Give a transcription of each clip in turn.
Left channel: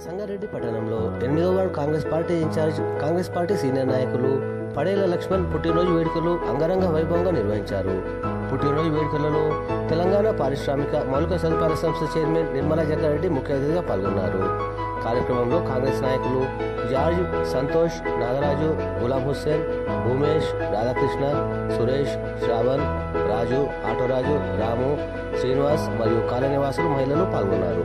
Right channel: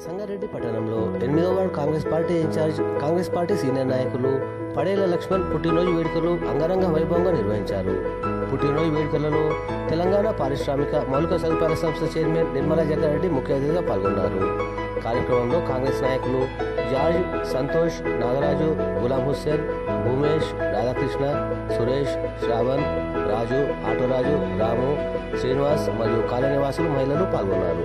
సంగారెడ్డి పట్టణంలో ఎనిమిదో ward Congress party incharge Congress party senior నాయకులు పడేల లక్ష్మణ్ పుట్టినరోజు వేడుకలు అంగరంగ వైభవంగా నిర్వహించారు. పుట్టినరోజు వేడుకలలో తెలంగాణ పారిశ్రామిక మౌలిక సదుపాయాల సంస్థ చైర్మన్ నిర్మలా జగ్గారెడ్డి ముఖ్య అతిథిగా పాల్గొన్నారు. కార్యక్రమంలో కాంగ్రెస్ నాయకులు జార్జ్ సంతోష్ నాగరాజు గులాం హుస్సేన్ భూమేష్ రాధాకృష్ణ సురేష్ శ్రావణ్ రాజు ఆటోరాజు రాము శ్రీనివాస్ మరియు కాలనివాసులు మహిళలు పాల్గొన్నారు.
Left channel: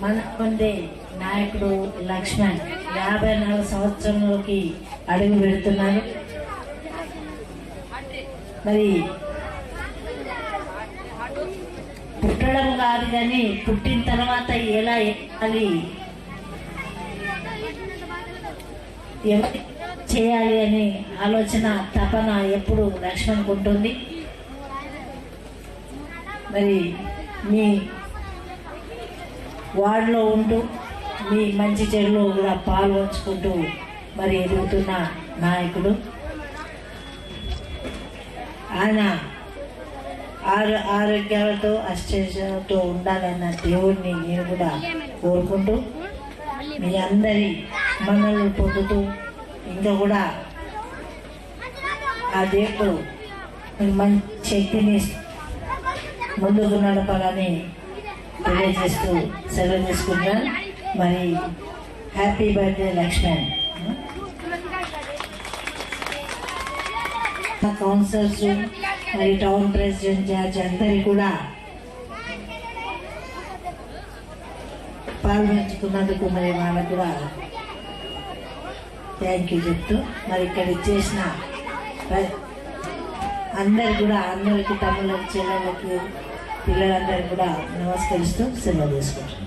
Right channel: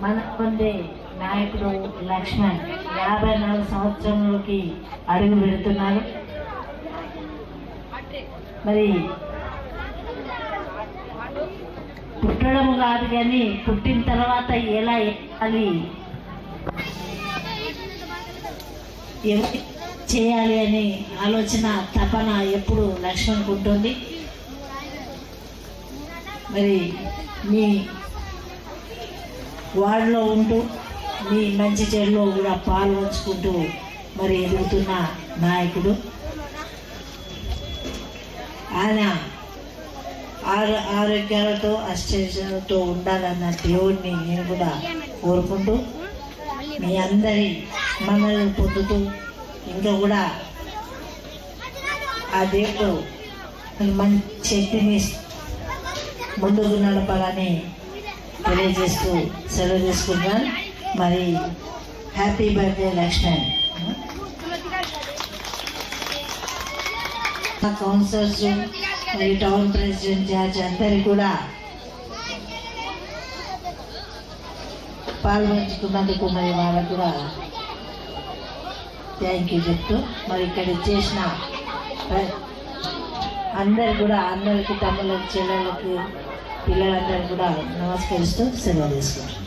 మన పొందే నాయకుడు లక్ష్మణ్ యాభై నాలుగు సంవత్సరంలోకి అడుగు పెడుతున్నారు మరి పుట్టడం కాదు కానీ పుట్టిన తర్వాత ఎలా ఎక్కాలి? చేయాలి అని ఆలోచన తపన ఎప్పుడు లక్ష్మణ్కి ఉంటుంది. మరి మీ వార్డులో ఉంటూ మీ మంచి చెడులో కూడా పాల్గొంచుకుంటూ మరి ఎదుగుతున్న నాయకుడు. ఆయన ఆరో ఆరోగ్యాలతో అష్టతో ఉండాలన్న దేవుడిని నేను కూడా కోరుకుంటూ మీ అందరి మనల్ని పొందుతూ ఇంకా కూడా ఆ దేవుడు మంచి శక్తిని ముందుకు నడపాలని తెలియజేస్తూ సెలవు చేసుకుంటున్నాను మరి హ్యాపీ బర్త్డే లక్ష్మణ్. మా కౌన్సిలర్స్ మరియు టౌన్ ప్రెసిడెంట్ జార్జ్ అందరి కూడా పాల్గొంచుకున్నందుకు మరి వాళ్ళకు కూడా థ్యాంక్ యూ చెప్తూ మరి ఇక్కడ చేసిన అందరు కూడా అందరికి తమ్ముళ్ళకి చెల్లెళ్ళకి పిల్లలందరూ కూడా నమస్కరిస్తూ సెలవు తీసుకుంటారు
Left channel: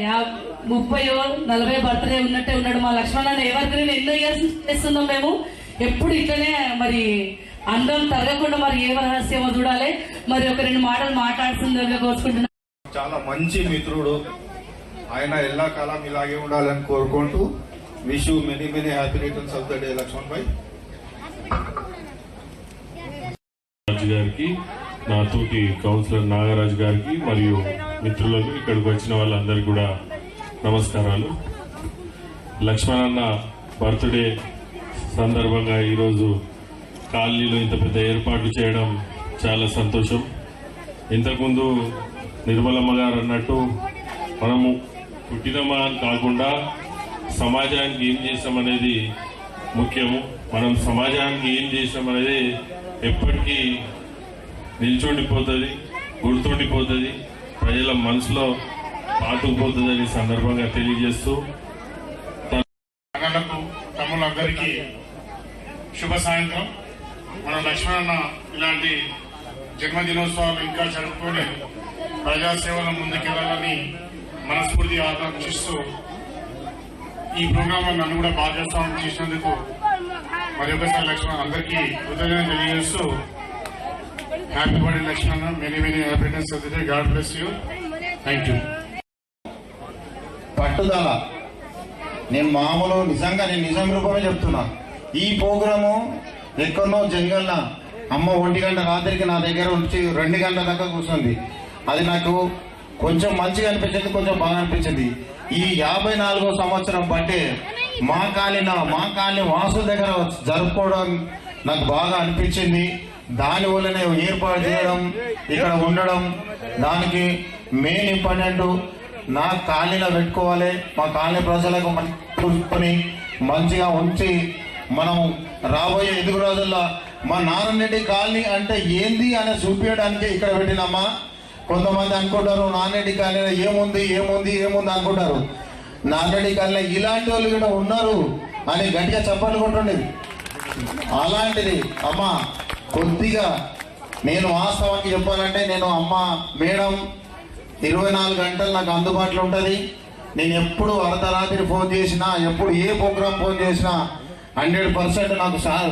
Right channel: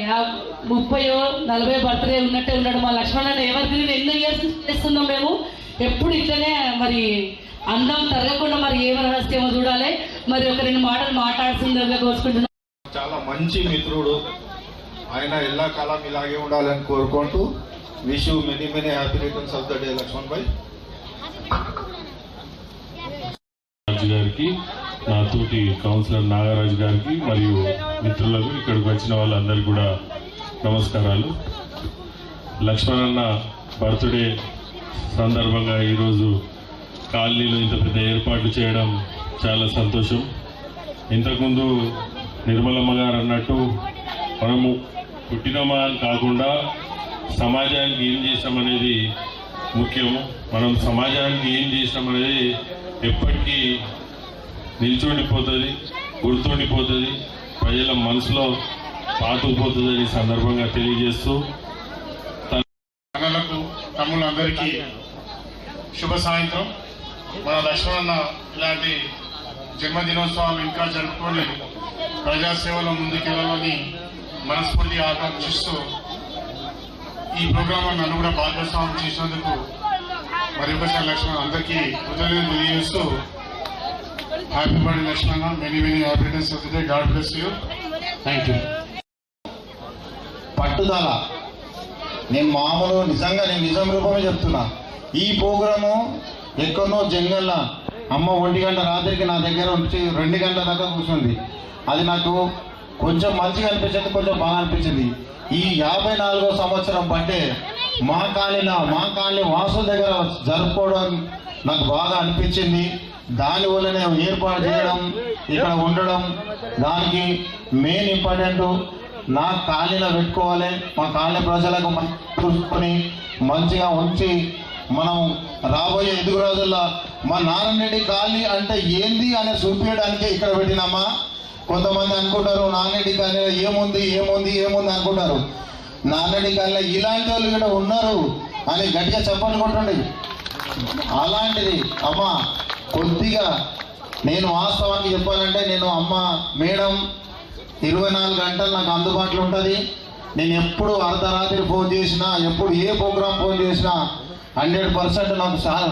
యా- ముప్పయో నలభై బర్త్డే ఉన్నట్టే ఉన్నాడు మా లక్ష్మణ్ ఎవరి ఎన్నో ఇయర్స్ చేస్తున్నాం మేము. ఎప్పుడు ఇట్లనే మరి అందం తరగకుండా మరి ఏ రహస్యమో చూడాలి. మరి ఒక రెండు మాటలు మాట్లాడుతుందిగా కోరుకుంటున్నాను చాలా మంచి మిత్రుడు. ఆయన ఎల్లా కాలం ఇలాగే ఉండాలని కోరుకుంటూ wish many many happy returns of the day Laxman bhai. గారికి నా తోటి కౌన్సిలర్ నాగరాజు గారికి మరియు మిత్రులకు ఇక్కడికి వచ్చిన వాళ్ళందరికీ కూడా నమస్కారాలు. లక్ష్మణన్న బర్త్డే సందర్భంగా ఈరోజు కాలనీలో ఇంత పెద్ద ఏర్పాట్లు చేయడం చాలా సంతోషం. ఇంతకుముందు నిర్మలమ్మ గారు అన్నట్టు మనము పుట్టినమా అని కాకుండా సమాజానికి ఏం చేసామనేది ముఖ్యం మనం సమాజానికి ఏం చేసామనేది ఎప్పటికీ నిల్చుండిపోతుంది గుర్తుండిపోతుంది ప్రజల మనసులో పాతుకుపోతుంది అనే సందర్భంగా తెలియజేస్తూ అన్నలకు తమ్ములందరికీ శుభ సాయంత్రం. మన లక్ష్మణ ఇలాంటి జన్మదినోత్సవాలు ఇంకా జరుపుకొని ప్రజాసేవలో ముందుకెళ్ళాలని మనస్ఫూర్తి ఆకాంక్షిస్తూ ఈ ప్రోగ్రాంలో నన్ను కూడా భాగస్వామ్యం చేసినందుకు మరి ఒకసారి లక్ష్మణ్ అందరికీ కృతజ్ఞతలు తెలియజేస్తూ happy birthday Laxmana many many happiness of the day God bless you thank you పట్టుదల. నేను మామూలు నిజంగా నేను నిజం రూపమే చెప్తున్నా. ఈ ప్రోగ్రాము ఎక్కడో జంగల్న అమ్మ ఒంటి గంట రాత్రికి నా దగ్గర ఉంచి రెండు గంటల దాకా కూర్చుంది. అది నాకు కొంచెం మంచిగా అనిపించింది కొంచెం బాగా అనిపించింది. ఈ యాభై నాలుగో సంవత్సరం బట్టే మా కాలనీ మా కాలనీ వాసు దగ్గర జరుపుకోవడం నాకు బాగా అనిపించింది. దాని వల్లనే ఏర్పాటు చేయడం ఇక్కడ ఉండడం దానికి మెయిన్ ఇంపార్టెంట్ నా కాలనీలో పెట్టుకోవాలి. మా కాలనీ ప్రజలకు చూసుకొని మంచిగా ఉంచి మనం రాబోయే ఎదుగు రోజుల్లో మా నారాయణరెడ్డి కాలనీ అంటే ఏంది అని చూపించడానికి ఇక్కడ పెట్టినమ్మా. కొంతమంది అనుకుంటారు నాన్నరెడ్డి కాలనీలో ఏముంది ఏముంది ఏముంది అనుకుంటారు. నాన్నరెడ్డి కాలనీలో ఇలాంటి వాళ్ళు కూడా ఉన్నారు అని గట్టిగా చెప్పండి అలాంటిది అమ్మా కొద్దిగా నేను వాస్తవానికి చెప్పాలంటే నేను అమ్మ మేడం ఇరవై నాలుగు గంటలు నాకు అందుబాటులో ఉంటుంది. నేను ఎప్పుడు అర్ధరాత్రి ఫోన్ చేసినా ఎప్పుడు ఏ ప్రోగ్రామ్ ఫోన్ చేసినా హండ్రెడ్ పర్సెంట్ నాకు సార్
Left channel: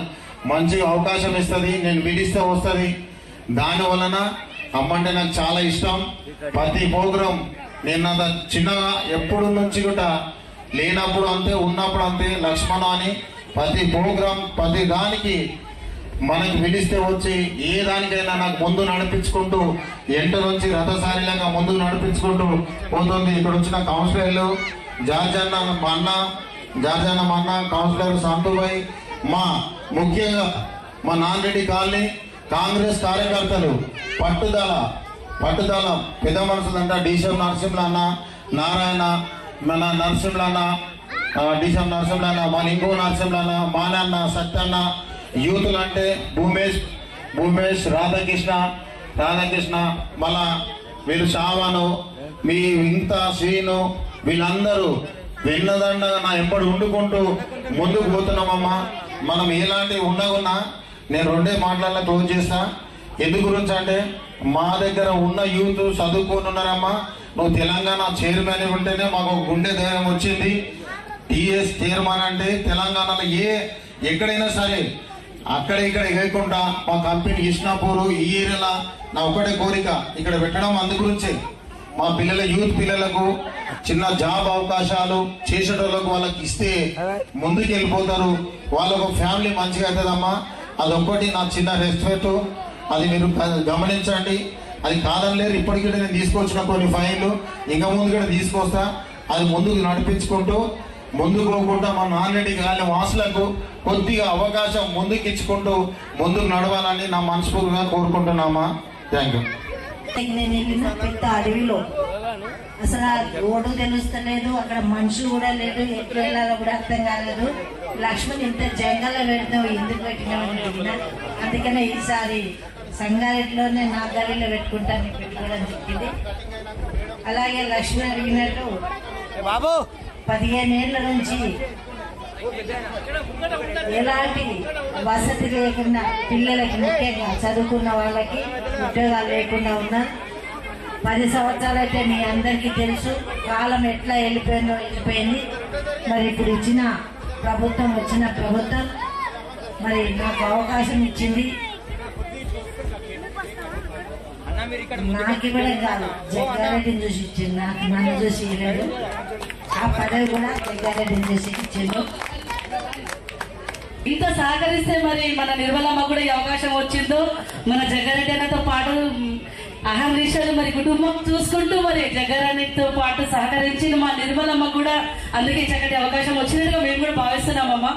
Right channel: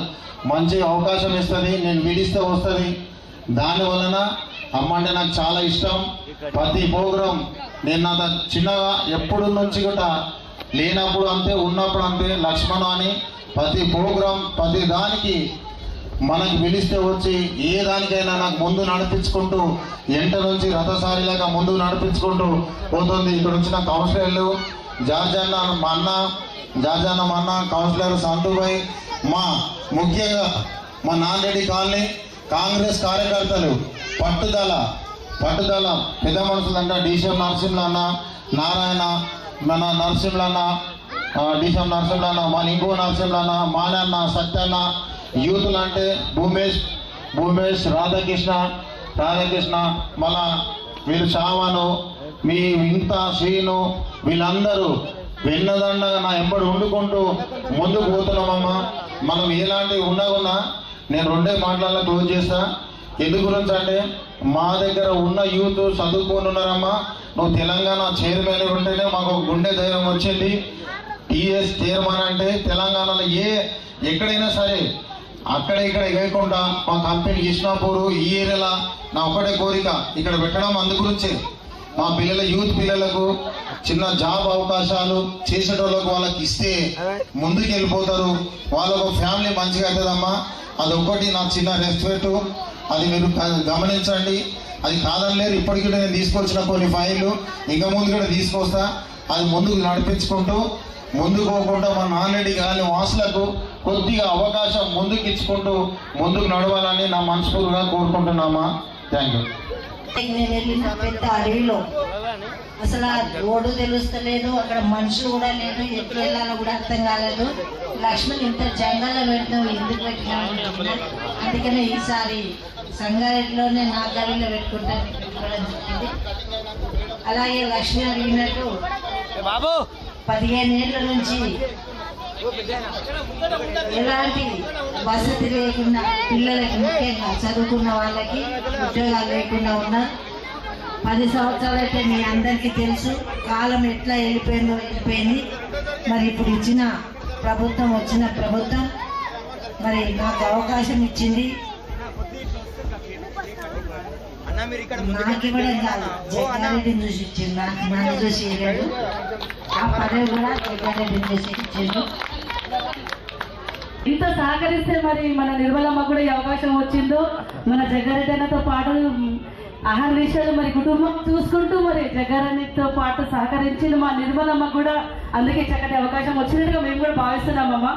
మంచి అవకాశం ఇస్తుంది నేను పిలిస్తే వస్తుంది. దాని వలన అమ్మ అంటే నాకు చాలా ఇష్టం. ప్రతి ప్రోగ్రాం నేను నా చిన్నగా ఎప్పుడు నుంచి కూడా లేనప్పుడు అంతే ఉన్నప్పుడు అంతే లక్ష్మణ అని ప్రతి ప్రోగ్రాం ప్రతి దానికి మనకు పిలిస్తే వచ్చి ఏ దానికైనా నాకు ముందు నడిపించుకుంటూ ఎంట నుంచి రథసారిలాగా ముందు నడిపించుకుంటూ పోతుంది. ఇక్కడ వచ్చిన కౌన్సిలర్లు జార్జన్న మా అన్న జార్జన్న మా అన్న కౌన్సిలర్ సంతుభాయ్ మా ముఖ్యంగా మా నాన్నరెడ్డి కాలనీ కాంగ్రెస్ కార్యకర్తలు పట్టుదల పట్టుదల పెద్ద మనుషులు అంటే డీసీఎం నరసింహులు అన్న నారాయణ మన నరసింహులు అన్న డీసీఎం నరసింహులు అన్న మన ఇంకో నరసింహులు అన్న మాలన్న సత్యన్న యూత్లు అంటే భూమేష్ భూమేష్ రాధాకృష్ణ రాధాకృష్ణ మళ్ళా వీరు షావాను మీ ఇంత శ్రీను వీళ్ళందరూ వెన్నదండగా నా ఎంబడి వండుకుంటూ ముందుకు పోతున్నామమ్మా మనం ఎలాంటి ఉన్నా ఉన్నా నేను రెండే మాటలలో క్లోజ్ చేస్తా. ఎందు గురించి అంటే మా దగ్గర ఉన్న యూత్ చదువుకొని ఉన్నారమ్మా నువ్వు తెలంగాణ చైర్మన్ ఉంటేనే మాకు ఒక గుండె ధైర్యం వచ్చింది. టీఎస్ చైర్మన్ అంటే తెలంగాణలో ఏ ఎక్కడైనా సరే అక్కడ ఇక్కడ ఇవ్వకుండా మా కంపెనీ ఇష్నాపూర్ ఈ ఏరియాలో నా ఒక్కడే కోరిక. ఇక్కడ పెట్టడం అందు గురించే మా పిల్లల యూత్ పిల్లలకు చిన్న జాబ్ అవకాశాలు చేసేటోళ్ళకు వాళ్ళకి ఇస్తే ముందుకు వెళ్ళిపోతారు వాళ్ళకు ఫ్యామిలీ మంచిగా అవుతుందమ్మా. అది ఒక్కటి నా చిన్న రెస్పెక్ట్. అది మీరు గమనించండి. అది కాదనలేరు ఇప్పటికీ కూడా నేను తీసుకొచ్చిన కొన్ని ఫైళ్ళు ఇంకా ముందు కూడా తీసుకొస్తా. అది ముందుకు నడిపించుకుంటూ ముందుకు పోకుండా మా నాన్నటి గాలి వాసులకు కొద్దిగా అవకాశం ముందుకు ఇచ్చుకుంటూ ముందుకు నడవాలని నా మనస్ఫూర్తిగా కోరుకుంటున్నామా? థ్యాంక్ యూ నేను వెళ్ళిన పెద్ద అడవిలో. అసలు ఆ రోడ్డు తెలుస్తలేదు అక్కడ మనిషి కూడా లేదు ఎప్పుడు వెళ్ళాలో కూడా అర్థం కాలేదు. లక్ష్మణ్ ఇంత జంగల్లో పెడతావు ఎందుకు అనుకున్నా. అందుకనే ఈసారి సంగారెడ్డిలోనే నా గదిలో పెట్టుకుంటాను పెట్టుకోవడం చెప్పింది. అలాగే లక్ష్మి అడిగినట్టు బాబు! పదిహేను ఏళ్ళ నుంచి ఎలాంటి వసతి లేకుండా పిల్లలకి ముఖ్యంగా చదువుకున్న వాళ్ళకి ఉద్యోగాలు లేకుండా ఉన్నా పది సంవత్సరాలు అయితే మీ అందరికీ తెలుసు. కాలం ఎట్లా వెళ్ళిపోయిందో వెళ్ళిపోయింది. మరి ఇప్పుడు ఇచ్చిన ప్రభుత్వం వచ్చిన ప్రభుత్వం మరి నాకు అవకాశం ఇచ్చింది. నాకు ఇవ్వడం కాదు. జగ్గారెడ్డిని చూసి ఇచ్చింది. నాకు నన్ను చూసి ఇవ్వలేదు. ఆ కూడా ఇచ్చిండు ఇంత సహకరిస్తే మరి మన నిర్మలమ్మ కూడా ఈ అవకాశం వచ్చిందో? మన జగ్గారెడ్డి అన్నతో పాటు ఆహార మరి కుటుంబం చూసుకుంటూ మరి జగ్గారెడ్డితో పాటు సహకరించిన మా నిర్మలమ్మ కూడా. అందుకే చక్కటి అవకాశం వచ్చినట్టుగా మేము కూడా భావిస్తున్నామమ్మా.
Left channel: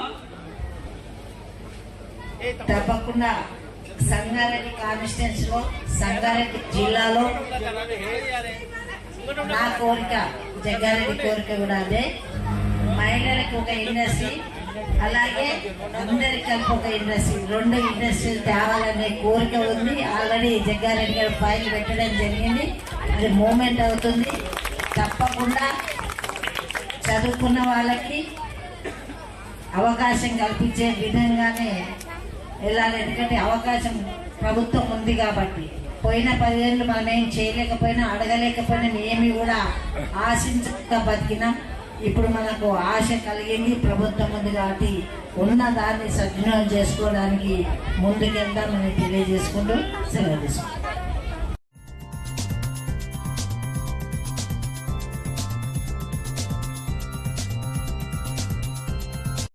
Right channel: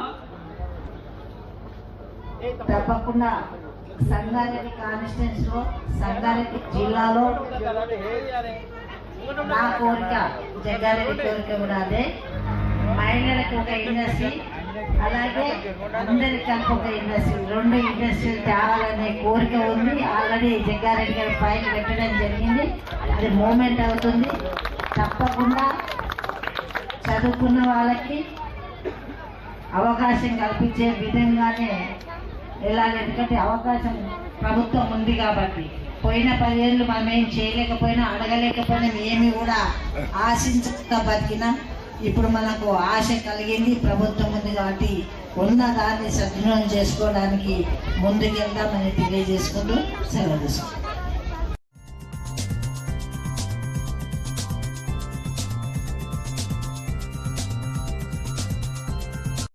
తప్పకుండా సంగారెడ్డి కాన్స్టిట్యూన్స్లో సంగారెడ్డి జిల్లాలో నా కోరిక జగ్గారెడ్డి కోరిక కూడా అదే. మహిళలకు ఒక ఇండస్ట్రీ అలాగే అందరికి కలిపి ఒక ఇండస్ట్రీ. రెండు ఇండస్ట్రీలు తేవాలనే కోరిక ఉంది. ఆల్రెడీ జగ్గారెడ్డి గారు ఫైల్ పెట్టడం జరిగింది. అది మూమెంట్ అవుతుంది. తప్పకుండా చదువుకున్న వాళ్ళకి అవకాశం కల్పించే విధంగానే వెళ్ళాలి ఎందుకంటే అవకాశం ప్రభుత్వం ఉంది కాబట్టి. పోయిన పదిహేళ్ళు మనం ఏం చేయలేకపోయినా అడగలేకపోయినా ఏమి కూడా ఆశించకుండా బతికినాం ఇప్పుడు మనకు ఆశ కలిగింది ప్రభుత్వం ఉంది కాబట్టి ఉన్న దాన్ని సద్వినియోగం చేసుకోవడానికి ముందుకెళ్దామని తెలియజేసుకుంటూ సెలవు తీసుకుంటాం